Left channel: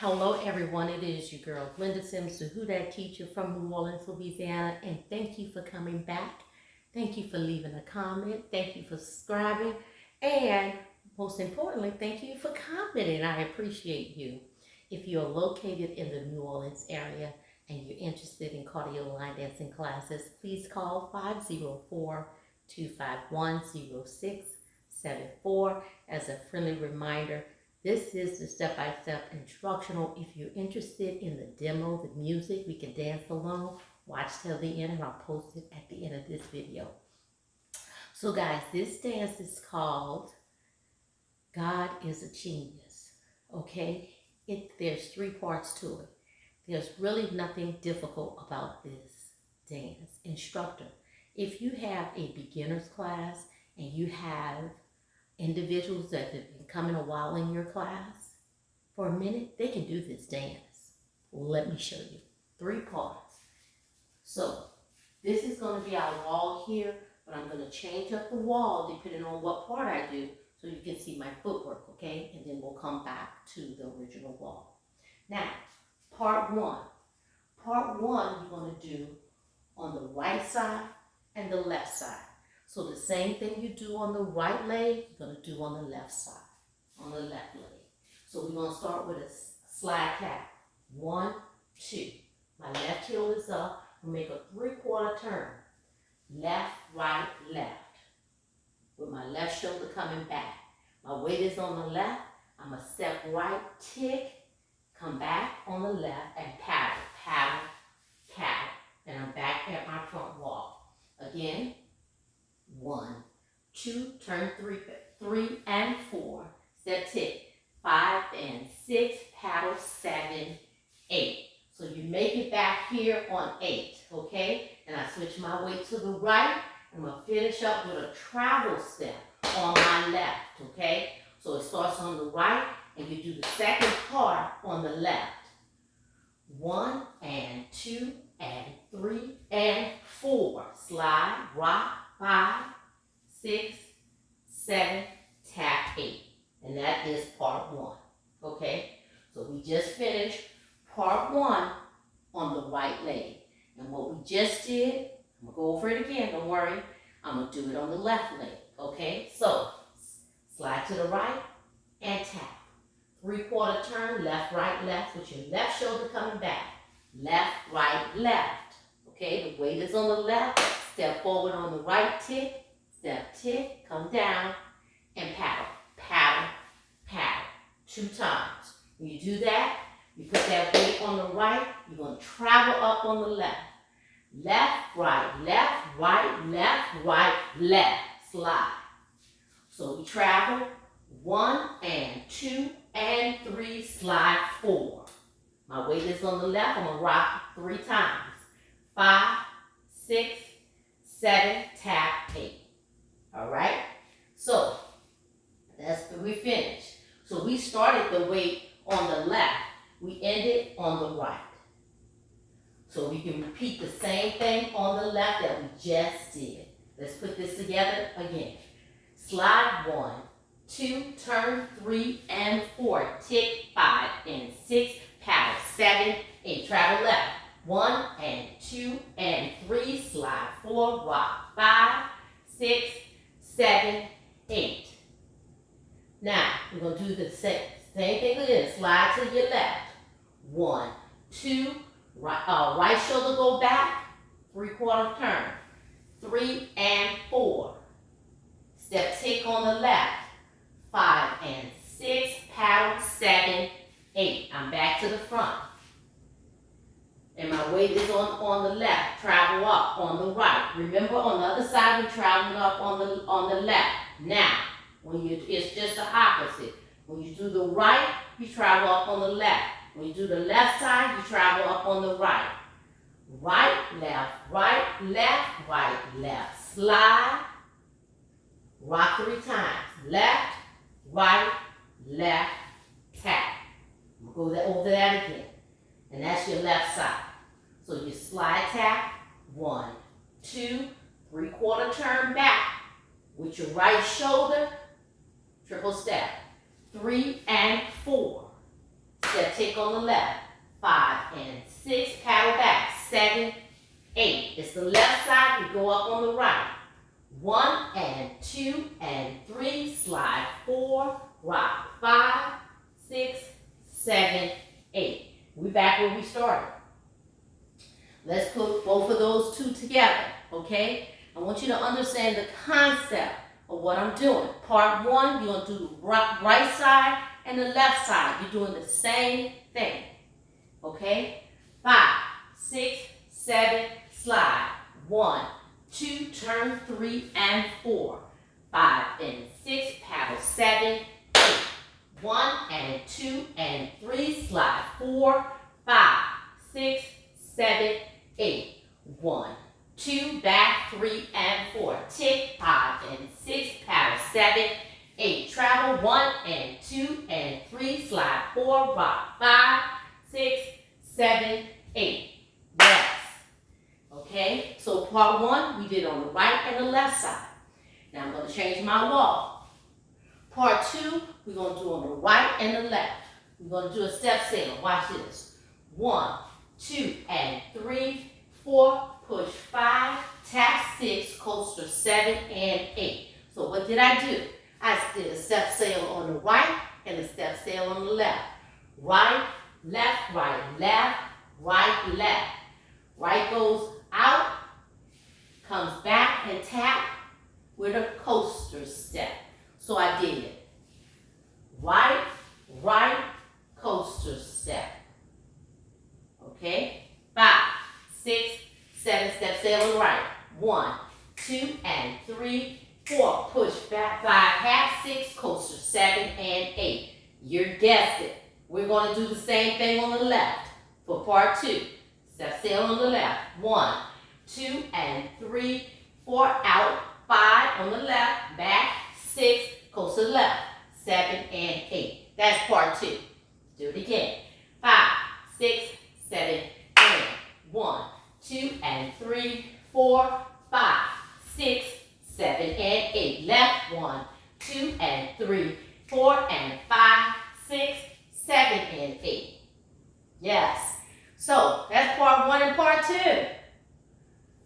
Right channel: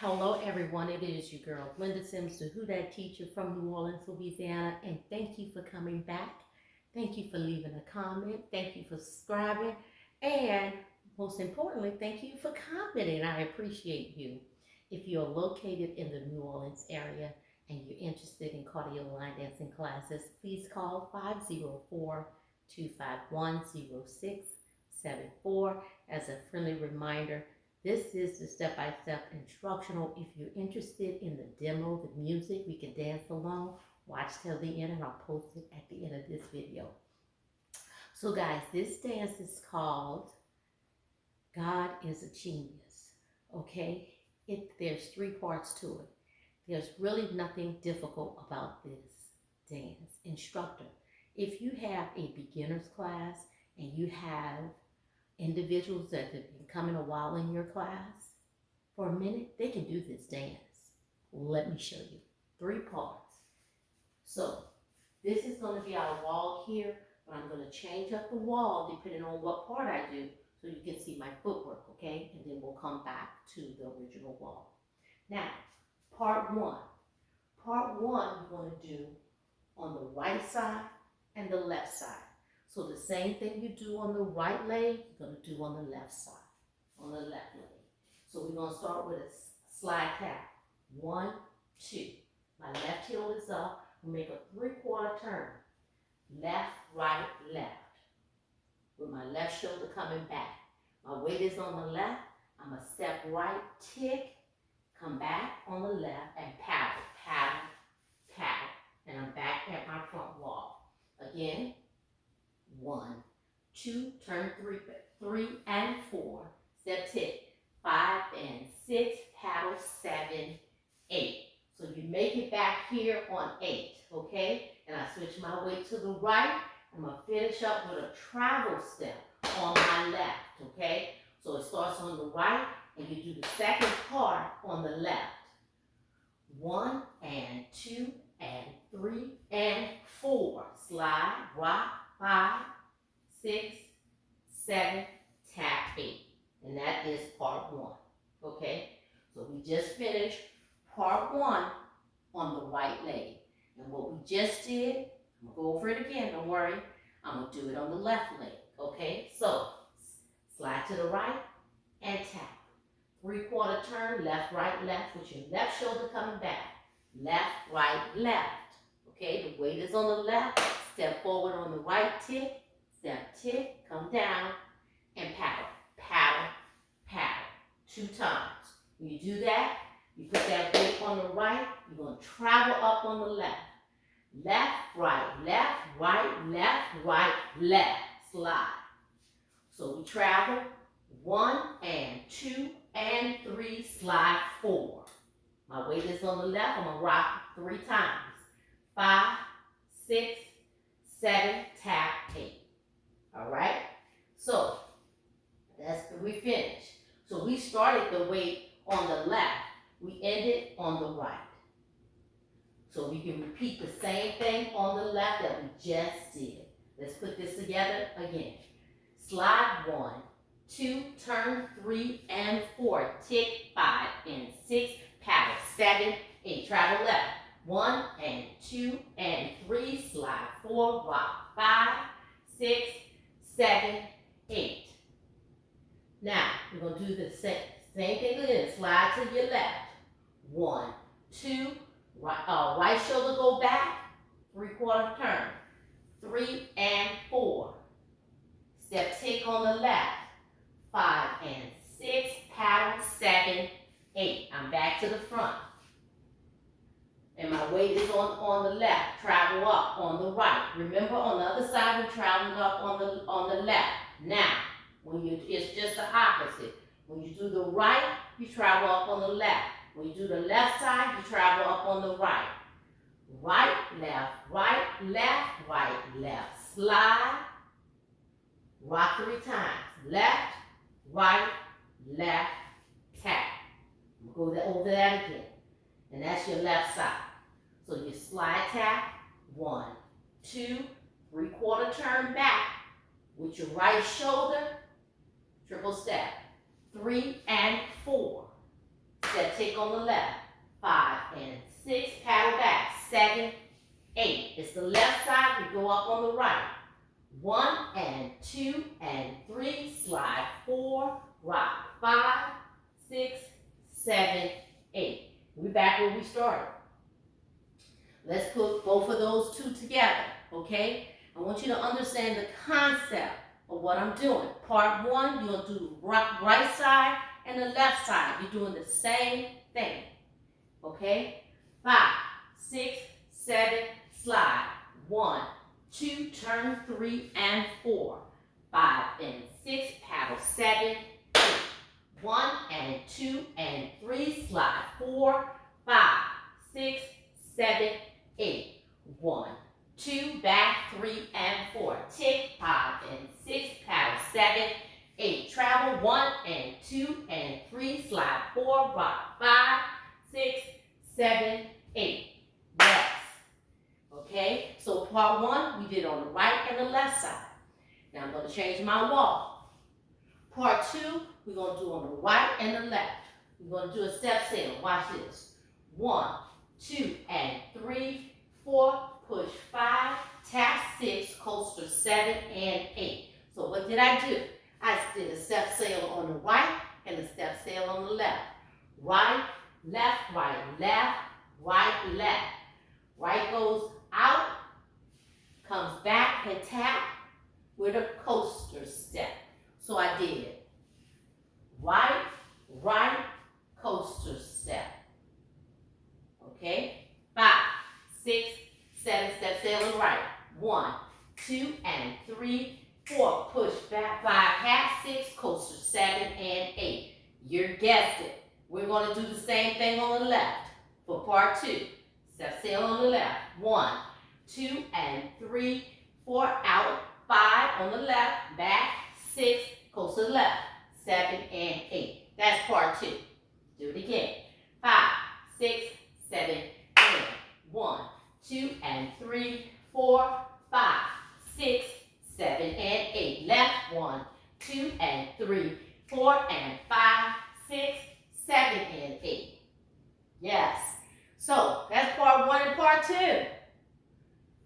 Hello everyone, it is your girl Linda Sims, the Who Dat teacher from New Orleans, Louisiana, and thank you for coming back. Thank you for leaving a comment. Thank you for subscribing, and most importantly, thank you for commenting. I appreciate you. If you're located in the New Orleans area and you're interested in cardio line dancing classes, please call 504-251-0674. As a friendly reminder, this is the step-by-step instructional. If you're interested in the demo, the music, we can dance along. Watch till the end and I'll post it at the end of this video. So guys, this dance is called God is a Genius, okay? There's 3 parts to it. There's really nothing difficult about this dance. Instructor, if you have a beginner's class and you have individuals that have been coming a while in your class, for a minute, they can do this dance. Let me show you. 3 parts. So this is going to be our wall here, but I'm going to change up the wall depending on what part I do so you can see my footwork, okay? And then we'll come back to the original wall. Now, part 1. Part 1 you're going to do on the right side and the left side. So the same thing you do on the right leg, you're going to do on the left side, on the left leg. So we're going to start with a slide tap. 1, 2. My left heel is up. We'll make a 3/4 turn. Left, right, left. With my left shoulder coming back. My weight is on the left. I'm going to step right, tick, come back on the left, and paddle, paddle, paddle. And I'm back at my front wall. Again. 1, 2, turn 3 and 4, step tick, 5 and 6, paddle 7, 8. So you make it back here on 8, okay? And I switch my weight to the right. I'm going to finish up with a travel step on my left, okay? So it starts on the right, and you do the second part on the left. 1 and 2 and 3 and 4. Slide, rock, 5, 6, 7, tap 8. And that is part 1. Okay? So we just finished part 1 on the right leg. And what we just did, I'm going to go over it again, don't worry. I'm going to do it on the left leg. Okay? So slide to the right and tap. 3/4 turn, left, right, left, with your left shoulder coming back. Left, right, left. Okay, the weight is on the left. Step forward on the right, tick. Step, tick, come down, and paddle, paddle, paddle. 2 times. When you do that, you put that weight on the right. You're going to travel up on the left. Left, right, left. Slide. So we travel 1 and 2 and 3, slide 4. My weight is on the left. I'm going to rock 3 times. 5, 6, 7, tap 8. All right? So, we finished. So we started the weight on the left. We ended on the right. So we can repeat the same thing on the left that we just did. Let's put this together again. Slide 1, 2, turn 3 and 4, tick 5 and 6, paddle 7, 8, travel left. 1 and 2 and 3, slide 4, rock 5, 6, 7, 8. Now we're going to do the same thing again. Slide to your left. 1, 2, right shoulder go back, 3/4 turn. 3 and 4. Step tick on the left. 5 and 6, paddle 7, 8. I'm back to the front. And my weight is on the left. Travel up on the right. Remember, on the other side, we're traveling up on the left. Now, it's just the opposite. When you do the right, you travel up on the left. When you do the left side, you travel up on the right. Right, left, right, left. Slide. Rock 3 times. Left, right, left, tap. Go over that again. And that's your left side. So you slide tap, 1, 2, 3/4 turn back with your right shoulder, triple step, 3 and 4. Step tick on the left side, we go up on the right. 1 and 2 and 3, slide 4, rock 5, 6, 7, 8. We back where we started. Let's put both of those two together, okay? I want you to understand the concept of what I'm doing. Part 1, you're going to do the right side and the left side. You're doing the same thing, okay? 5, 6, 7, slide. 1, 2, turn 3 and 4. 5 and 6, paddle 7, 8. 1 and 2 and 3, slide 4, 5, 6, 7, 8. 1, 2, back 3 and 4. Tick 5 and 6, paddle 7, 8. Travel 1 and 2 and 3, slide 4, rock 5, 6, 7, 8. Yes. Okay, so part 1, we did on the right and the left side. Now I'm going to change my wall. Part 2, we're going to do on the right and the left. We're going to do a step sail. Watch this. 1, 2, and 3, 4, push 5, tap 6, coaster 7, and 8. So what did I do? I did a step sail on the right and a step sail on the left. Right, left, right, left, right, left. Right goes out, comes back and tap with a coaster step. So I did it. Right, right, coaster step. Okay? 5, 6, 7, step sail on the right. 1, 2, and 3, 4, push back 5, half 6, coaster 7, and 8. You guessed it. We're going to do the same thing on the left for part 2. Step sail on the left. 1, 2, and 3, 4, out, 5 on the left, back, 6, coast to the left, 7, and 8. That's part 2. Do it again. 5, 6, 7, and 1, 2, and 3, 4, 5, 6, 7, and 8. Left, 1, 2, and 3, 4, and 5, 6, 7, and 8. Yes. So that's part 1 and part 2.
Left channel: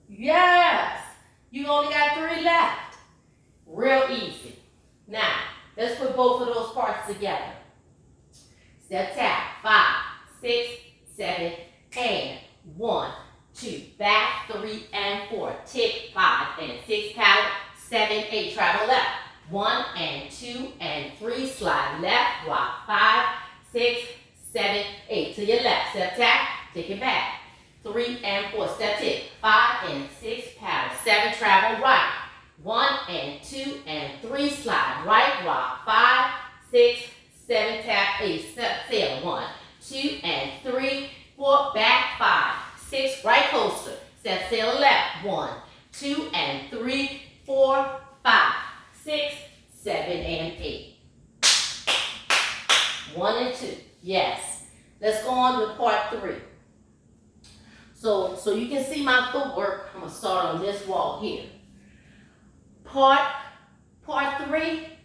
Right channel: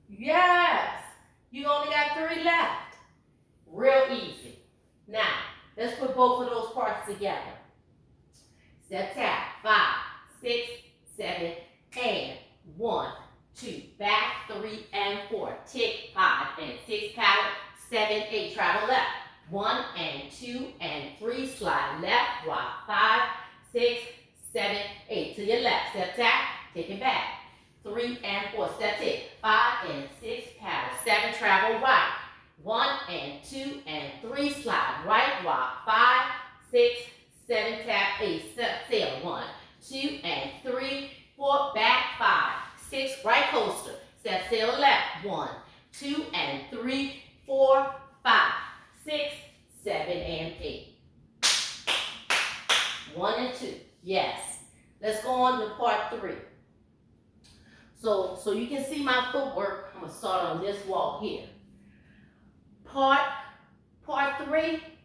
Yes. You only got 3 left. Real easy. Now, let's put both of those parts together. Step tap. 5, 6, 7, and 1, 2. Back 3 and 4. Tick 5 and 6. Paddle 7, 8. Travel left. 1 and 2 and 3. Slide left. Rock 5, 6, 7, 8. To your left. Step tap. Take it back. 3 and 4. Step tick. 5 and 6. Paddle 7. Travel right. 1 and 2 and 3. Slide right. Rock 5, 6, 7. Tap 8. Step sail. 1, 2 and 3, 4. Back 5, 6. Right coaster. Step sail left. 1, 2 and 3, 4, 5, 6, 7, and 8. 1 and 2. Yes. Let's go on to part 3. So you can see my footwork. I'm going to start on this wall here. Part 3,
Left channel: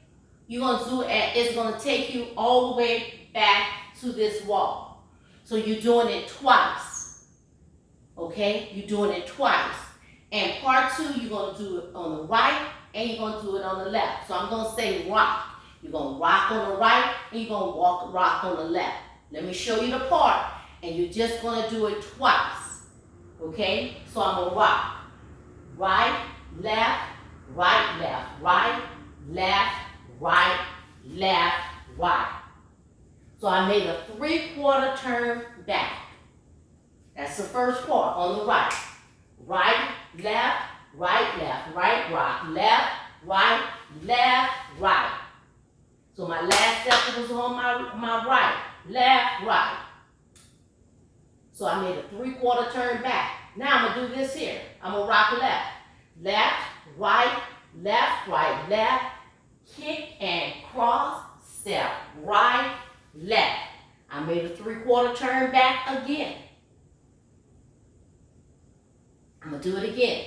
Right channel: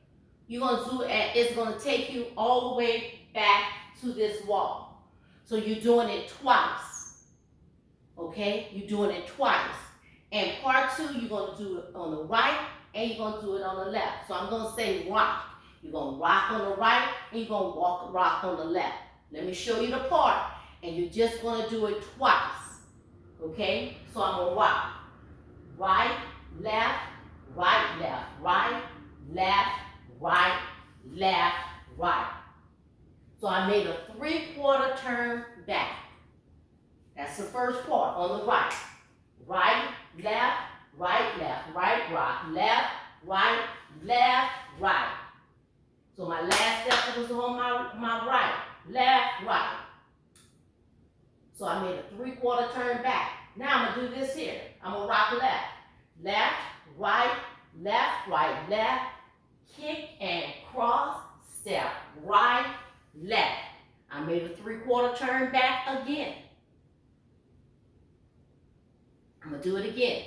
you're going to do it, it's going to take you all the way back to this wall. So you're doing it twice. Okay? You're doing it twice. And part 2, you're going to do it on the right and you're going to do it on the left. So I'm going to say rock. You're going to rock on the right and you're going to rock on the left. Let me show you the part. And you're just going to do it twice. Okay? So I'm going to rock. Right, left, right, left, right, left, right, left, right. So I made a 3/4 turn back. That's the first part on the right. Right, left, right, left, right, rock, left, right, left, right. So my last step was on my right, left, right. So I made a 3/4 turn back. Now I'm going to do this here. I'm going to rock left. Left, right, left, kick and cross, step, right, left. I made a 3/4 turn back again. I'm going to do it again.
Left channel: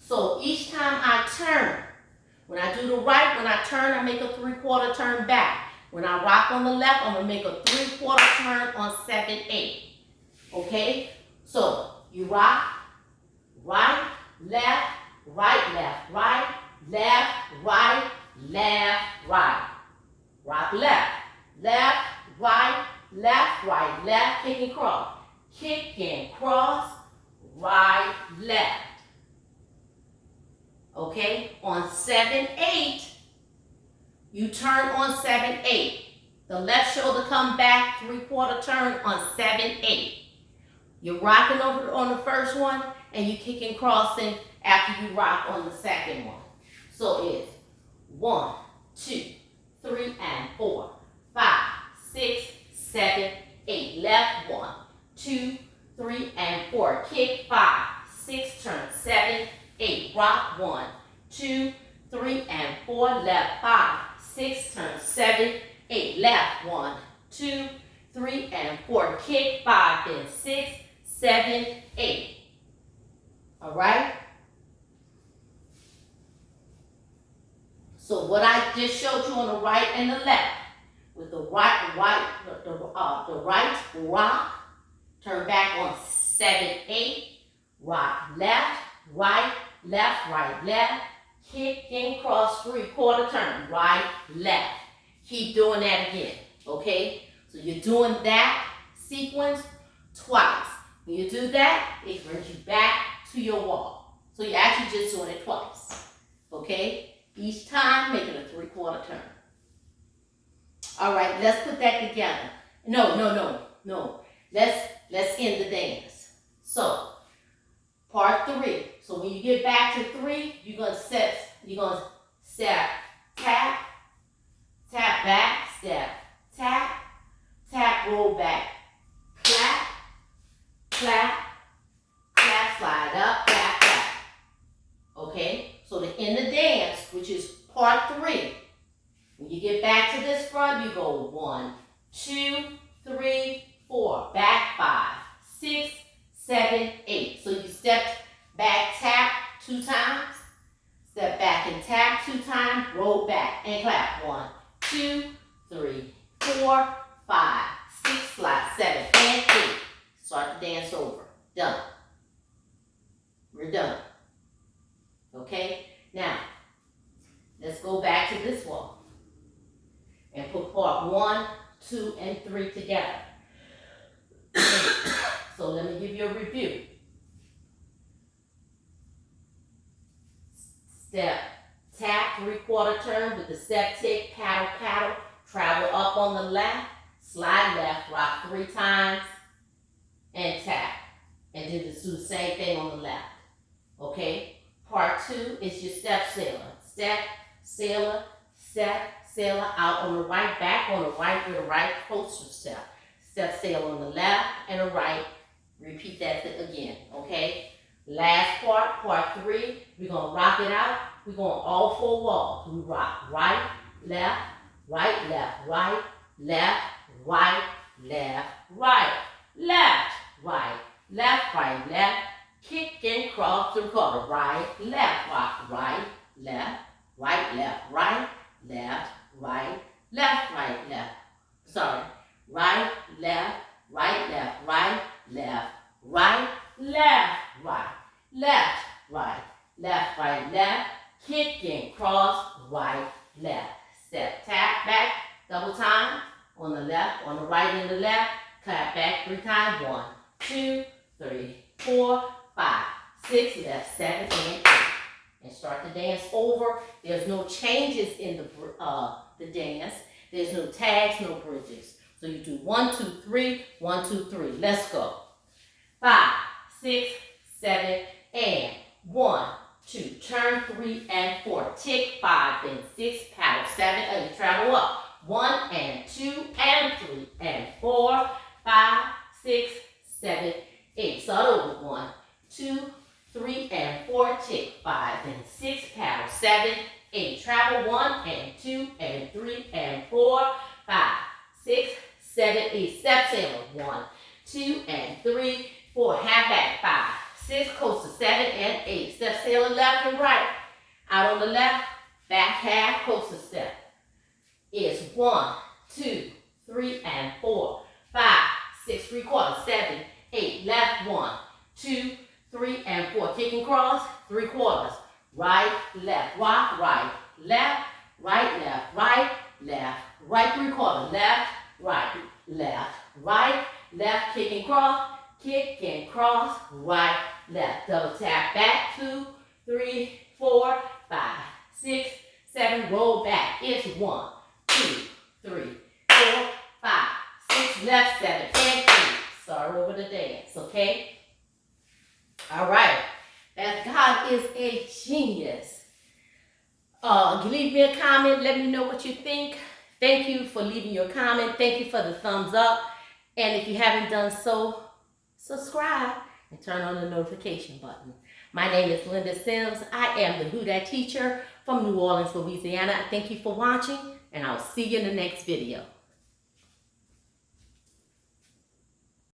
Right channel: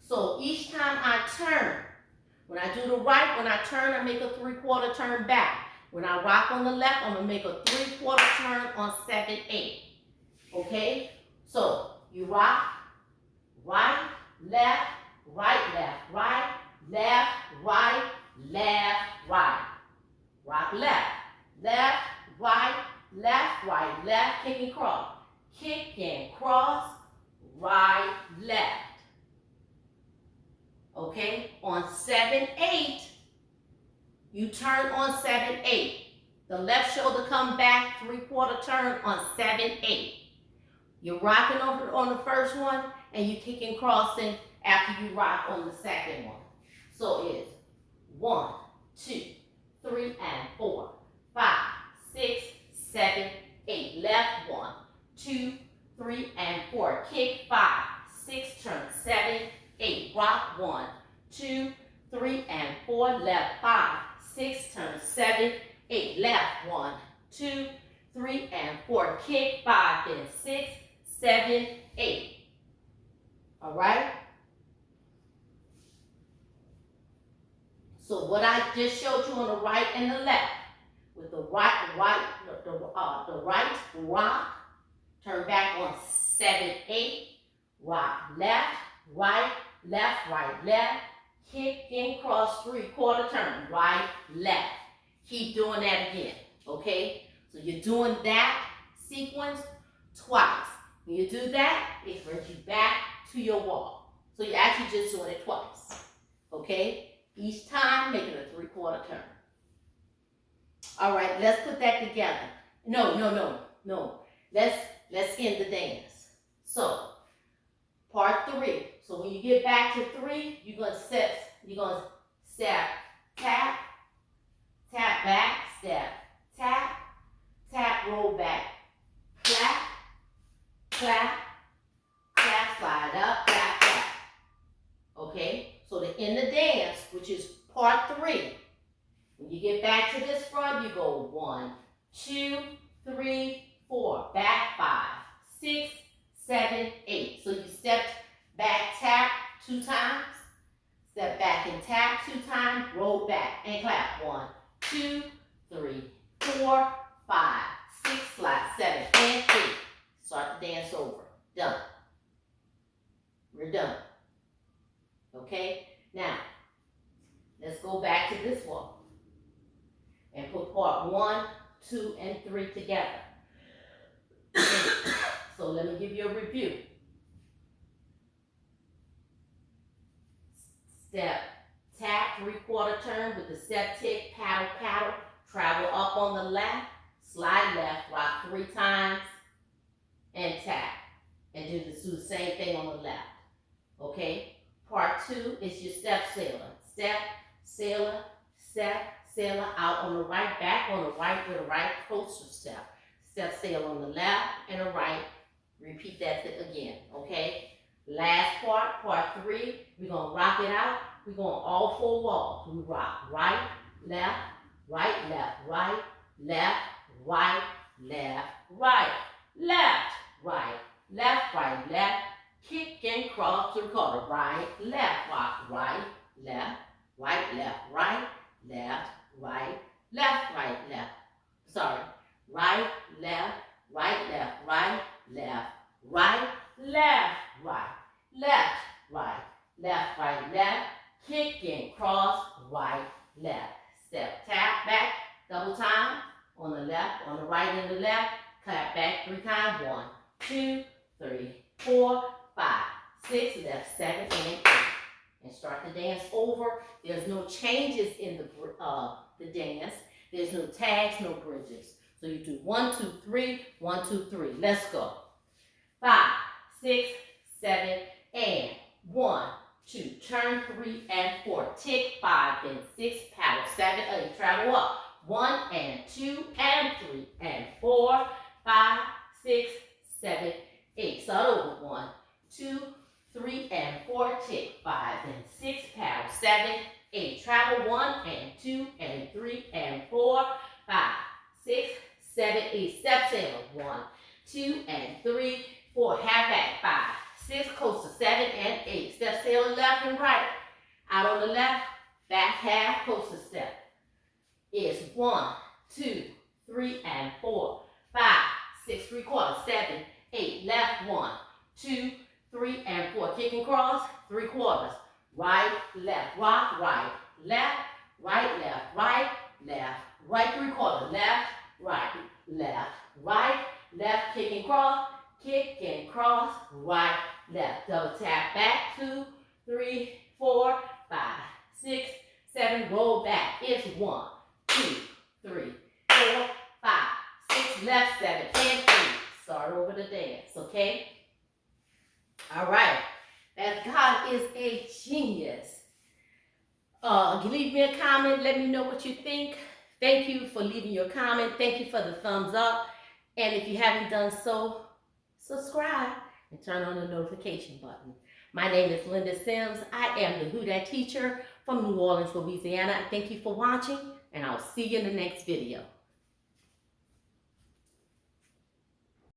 So each time I turn, when I do the right, when I turn, I make a 3/4 turn back. When I rock on the left, I'm going to make a 3/4 turn on 7/8. Okay? So you rock, right, left, right, left, right, left, right, left, right. Rock left, left, right, left, right, left, kick and cross. Kick and cross, right, left. Okay, on 7-8, you turn on 7-8. The left shoulder come back, 3/4 turn on 7-8. You're rocking over on the first one, and you kick and crossing after you rock on the second one. So it's 1, 2, 3, and 4, 5, 6, 7, 8. Left 1, 2, 3, and 4. Kick 5, 6, turn 7, 8. Rock 1, 2, 3, and 4. Left 5, 6, turn 7, 8. Left 1, 2, 3, and 4. Kick 5, then 6, 7, 8. All right? So what I just showed you on the right and the left, with the right rock, turn back on 7-8, rock left, right, left, kick and cross 3/4 turn, right, left. Keep doing that again, okay? So you're doing that sequence twice. When you do that, it brings you back to your wall. So you're actually just doing it twice, okay? Each time, making a 3/4 turn. All right, let's put that together. No. Let's end the dance. So, part 3. So when you get back to 3, you're gonna step, tap, tap back, step, tap, roll back, clap, clap, clap, slide up, clap, clap. Okay? So to end the dance, which is part 3, when you get back to this front, you go 1, 2, 3, 4, back 5, 6, 7, 8. So you step back, tap 2 times, step back and tap 2 times, roll back and clap. 1, 2, 3, 4, 5, 6, slide 7 and 8. Start the dance over. Done. We're done. Okay, now let's go back to this wall and put part 1, 2, and 3 together. So let me give you a review. Step, tap, 3/4 turn with the step tick, paddle, paddle, travel up on the left, slide left, rock 3 times, and tap. And then just do the same thing on the left. Okay? Part 2 is your step sailor. Step, sailor, step, sailor out on the right, back on the right with a right coaster step. Step sailor on the left and the right. Repeat that again, okay? Last part, part 3, we're going to rock it out. We're going all 4 walls. We rock right, left, right, left, right, left, right, left, right, left, right, left, right, left. Kick and cross to the corner. Right, left, rock, right, left, right, left, right, left, right, left, right, left. Sorry. Right, left, right, left, right, left, right, left, right, left, right, left, right, left. Kick and cross, right, left. Step, tap back, double time on the left, on the right and the left. Clap back 3 times. 1, 2, 3, 4, 5, 6, left, 7, and 8. And start the dance over. There's no changes in the dance. There's no tags, no bridges. So you do 1, 2, 3, 1, 2, 3. Let's go. 5, 6, 7, and 1, 2. Turn 3 and 4. Tick 5, then 6, paddle 7, 8. Travel up. 1 and 2 and 3 and 4, 5, 6, 7, 8. Start over. 1, 2, 3, and 4. Tick 5, then 6, paddle 7, 8. Travel 1 and 2 and 3 and 4, 5, 6, 7, 8. Step sailor. 1, 2, and 3, 4. Half back. 5, 6. Coaster 7 and 8. Step sailor left and right. Out on the left. Back half coaster step. Is 1, 2, 3, and 4, 5, 6, 3/4, 7, 8. Left 1, 2, 3 and 4. Kick and cross, 3/4. Right, left, rock, right, left, right, left, right, left, right 3/4. Left, right, left, kick and cross, right, left. Double tap back, 2, 3, 4, 5, 6, 7. Roll back. It's 1, 2, 3, 4, 5, 6. Left, 7, and 3. Start over the dance, okay? All right. As God is a genius. Leave me a comment. Let me know what you think. Thank you for leaving your comment. Thank you for the thumbs up. And if you haven't done so, subscribe and turn on the notification button. My name is Linda Sims. I am the Who Dat teacher from New Orleans, Louisiana. Thank you for watching, and I'll see you in the next video.